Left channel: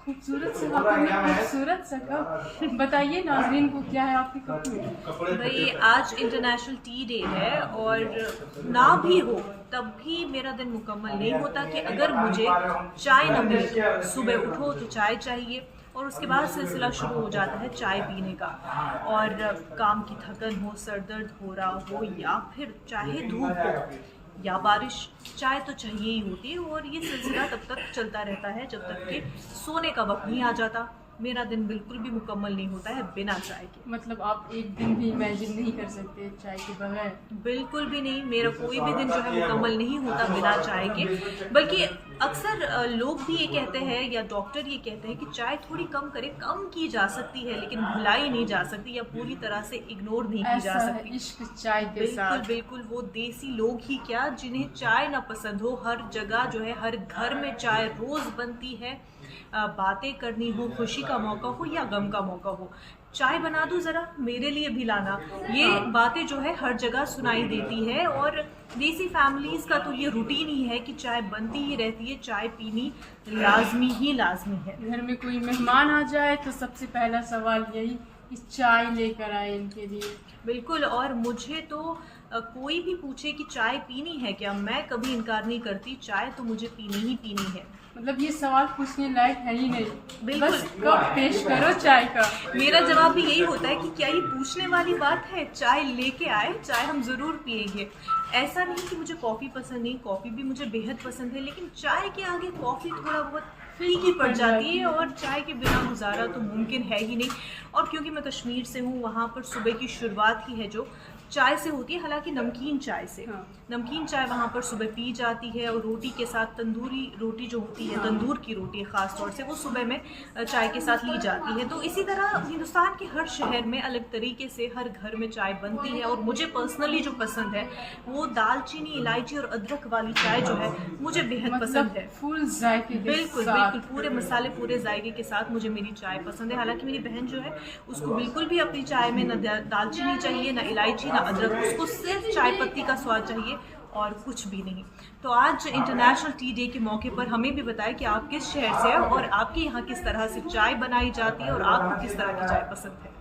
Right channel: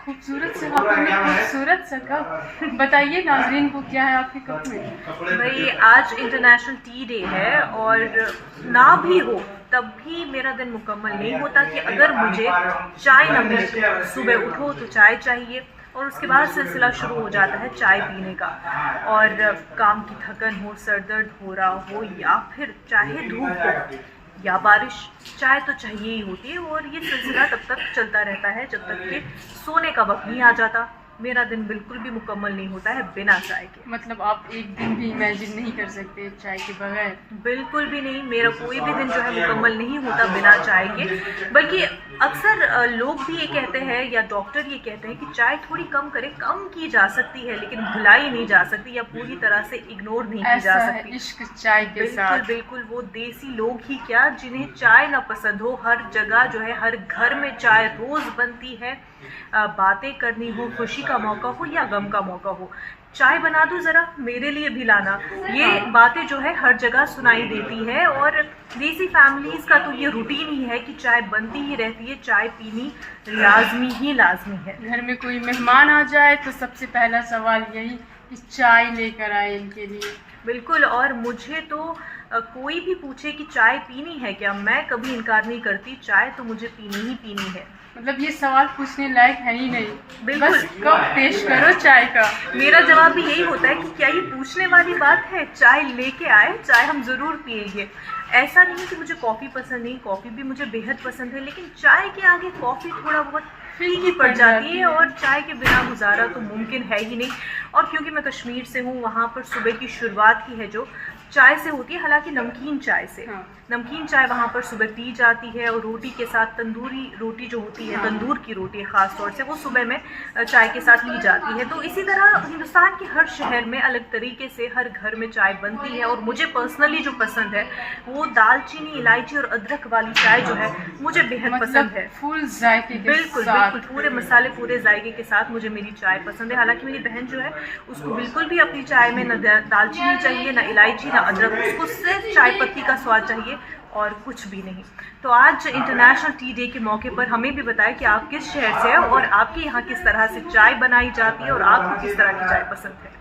खूबसूरत से खूबसूरत सा कप। बताइए नाजरीन को क्या है आपके कप में। भाई आज इंटरनेशनल टी डे है और ना भी हो तब भी मेरा दिन मुकम्मल नहीं होता कि अगर मुझे चाय न मिले। तो सुबह उठो तो चाय चाहिए और उसके बाद सिलसिला शुरू हो जाता है चाय पीने का। और काम की थकन हो, सर दर्द हो रहा हो या फिर चाहे धूप हो या बारिश, चाय तो चाहिए ही होती है। और ये सिलसिला तब तक चलता रहता है जब तक कि सोने का वक्त नहीं आ जाता। मेरा दिन बिल्कुल भी मुकम्मल नहीं होता है बिना चाय के। मतलब आप एक दिन भी इमेजिन नहीं कर सकते चाय के बगैर। बिल्कुल भी नहीं, मेरा कोई भी दिन जो है मुकम्मल नहीं होता बिना चाय के। बल्कि अक्सर लोग भी ये कहते हैं या डॉक्टर ये कहते हैं कि चाय थोड़ी कम करें, कम की जा सकती है लेकिन भुलाई नहीं जा सकती या पूरी तरह से इग्नोर नहीं की जा सकती। इश्क चाय के साथ। बिल्कुल बिल्कुल, वो देसी लोग ही क्या जिन्हें चाय ना पसंद हो, हर जगह जो है हर घर में चाय रोज बनती है। बातें करनी हो, खुशी का मौका हो या गम का मौका हो, चाय बना दो जरा मेरे लिए भी लाना, ये बातें जो है हर जगह सुनाई देती है। और देसी फैमिलीज का तो ये रूटीन ही है कि चाय बनती ही रहती है, चाय पीनी लाजमी है। घर में कोई मेहमान आ जाए तो सबसे पहला सवाल यही कि चाय लेकर आए इनके लिए। बिल्कुल, और मुझे तो कोई भी पूछे कि चाय पीनी है क्या, मैं कभी इनकार नहीं करती। चाय तो मुझे पीनी ही पीनी है। मतलब ये सवाल पूछने लायक है ही नहीं, बिल्कुल। बस कप पेश करो चाय का। मेरा जवाब भी यही होता है कि क्या ये पूछने वाली बात है, चाय लेके आए, चाय हम जरूर पिएंगे। ऐसा नहीं कि मुझे कॉफ़ी पसंद नहीं, कॉफ़ी भी मुझे बेहद पसंद है, लेकिन चाय के आगे कॉफ़ी थोड़ा बहुत फीकी पड़ जाती है और चाय के बिना गुजारा तो मुमकिन है ही नहीं। और क्योंकि मैं कश्मीर से हूँ, वहाँ पर सुबह की शुरुआत ही है जो चाय से होती है, हालांकि नमकीन चाय से। नमकीन चाय वहाँ पर सुबह पी जाती है और रोटी के साथ, तंदूरी रोटी जो होती है, तंदूर की रोटी ख़ास तौर से, वो सुबह में चाय के साथ ली जाती है। तो इसी तरह हिंदुस्तान के हर शहर में अलग तरीके से हर घर में चाय बनती है। और मुझे पर्सनली जो पसंद है वो दालचीनी, इलायची और अदरक वाली चाय जो है मुझे बेहद पसंद है। फुल जायके के बिल्कुल साथ। बिल्कुल, पूरे मसाले, पूरे जायके के साथ मुझे मेरी चाय पसंद है। हालांकि मेरी बहन जो है उसको बिल्कुल भी अपनी चाय में न दालचीनी चाहिए, न इलायची, न अदरक, उसको सिर्फ चाय पत्ती का स्वाद चाहिए और कुछ भी नहीं। तो आज इंटरनेशनल टी डे के मौके पर हमें भी बताएं कि आप किस शहर से हैं और आपके यहाँ किस तरह से चाय बनाई जाती है और आपको किस तरह की चाय पसंद है।